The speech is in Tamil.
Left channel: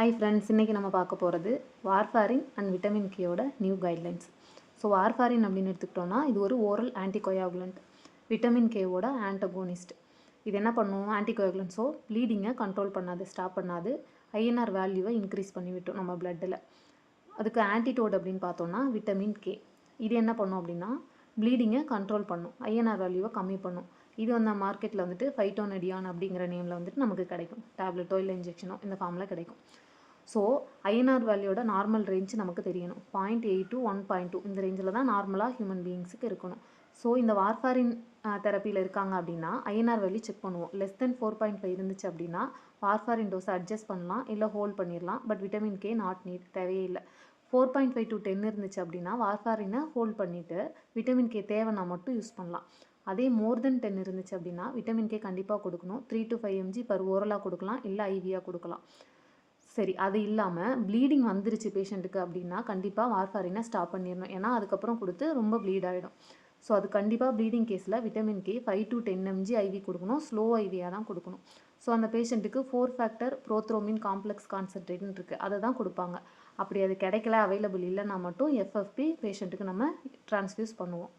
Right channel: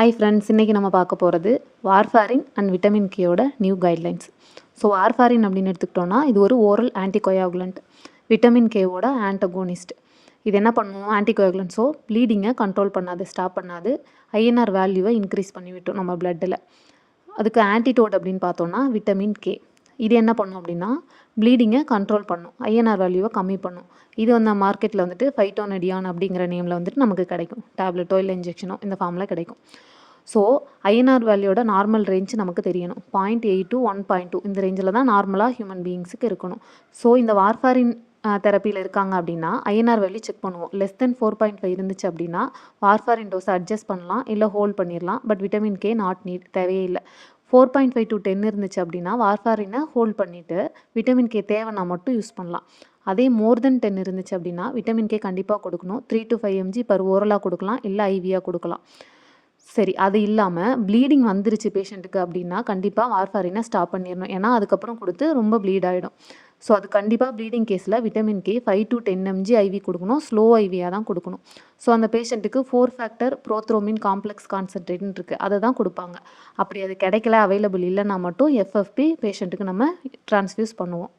ஹாய் ஃப்ரெண்ட்ஸ், இன்றைக்கி நம்ம பார்க்க போகிறது வார்ஃபாரின் அண்ட் விட்டமின் கேயோட நியூ கைட்லைன்ஸ். ஸோ வார்ஃபாரின் அப்படின்னு எடுத்துக்கிட்டோன்னா இது ஒரு ஓரல் ஆன்டிகோயாகுலண்ட், விட்டமின் கேவோட ஆன்டகோனிஸ்ட். இது என்ன பண்ணும்? ஆன்டிகோயாகுலண்ட். ஸோ ப்ளீடிங்கை கண்ட்ரோல் பண்ணாது, ஸ்டாப் பண்ணாது, ஐஎன்ஆர் வேல்யூவை இன்க்ரீஸ் பண்ணி விட்டோம் நம்ம பிளட்டில். அதுக்கு ஆன்டிடோட் அப்படின்னு பார்த்தோன்னா விட்டமின் கே. இது என்ன பண்ணும் அப்படின்னா ப்ளீடிங்கை கண்ட்ரோல் பண்ணும், ஐஎன்ஆர் வேல்யூவை கம்மி பண்ணும். இது வந்து மார்க்கெட்டில் வந்துட்டு ஃபைட்டோனடியான் அப்படிங்கிற நேமில் வந்துட்டு நமக்கு கிடைக்கும். டேப்லெட்டோ இல்லை இன்ஜெக்ஷனோ இந்த ஃபார்மில் கிடைக்கும். ஸோ ஐஎன்ஆர் வேல்யூட நார்மல் ரேஞ்ச் நமக்கு தெரியணும். 0.8 to 1.2 இந்த ரேஞ்சில் தான் நார்மலாக ஹியூமன் பீயிங்ஸுக்கு இருக்கணும். ஸோ இந்த வார்ஃபாரின் தெரப்பியில் இருக்காங்க அப்படின்னா ஐஎன்ஆர் வேல்யூ செக் பண்ணுவோம். லெஸ் தென் 4.5 இருந்துச்சு அப்படின்னா வார்ஃபாரின் டோஸை அட்ஜஸ்ட் பண்ணலாம், இல்லை ஹோல்ட் பண்ணிடலாம். But vitamin can not NEET, தேவையே இல்லை. 4.5 to 10 இருந்துச்சு அப்படின்னா வார்ஃபாரினை ஹோல்ட் பண்ணிவிட்டு விட்டமின் கே தேவைன்னா மட்டும் யூஸ் பண்ணலாம். அதே மோர் தென் 10 இருந்துச்சு அப்படின்னா விட்டமின் கே கண்டிப்பாக கொடுக்கணும். 3 to 5 mg பர் ஓரலாக கொடுக்கலாம், இல்லை ஐவியாக கொடுக்கலாம். சரி, அது இல்லாமல் ப்ளீடிங் வந்துருச்சு பேஷண்ட்டுக்கு அப்படின்னா கண்டிப்பாக வார்ஃபாரினை ஸ்டாப் பண்ணிடணும். ஏன்னா அதுக்கப்புறம் கொடுத்து ரொம்ப ப்ளீட் ஆகிடும். ஸோ அது கண்டிப்பாக ப்ளீடிங் கேஸில் vitamin K 5 to 10 mg IV கொடுக்கணும், ஸ்லோ ஐவியாக தான் கொடுக்கணும். ஸோ அந்த பேஷண்ட்டுக்கு 4 ஃபேக்டர் ப்ரோத்ரோமின் காம்ப்ளெக்ஸ் கான்சன்ட்ரேட்னு இருக்குது, அதை தான் கொடுப்பாங்க. அப்படி அது கிடைக்கல, அவைலபிள் இல்லைன்னா மட்டும் எஃப்எஃப்பி பேஷண்ட்டுக்கு நம்ம ட்ரான்ஸ்ஃபியூஸ் பண்ணுவோம்.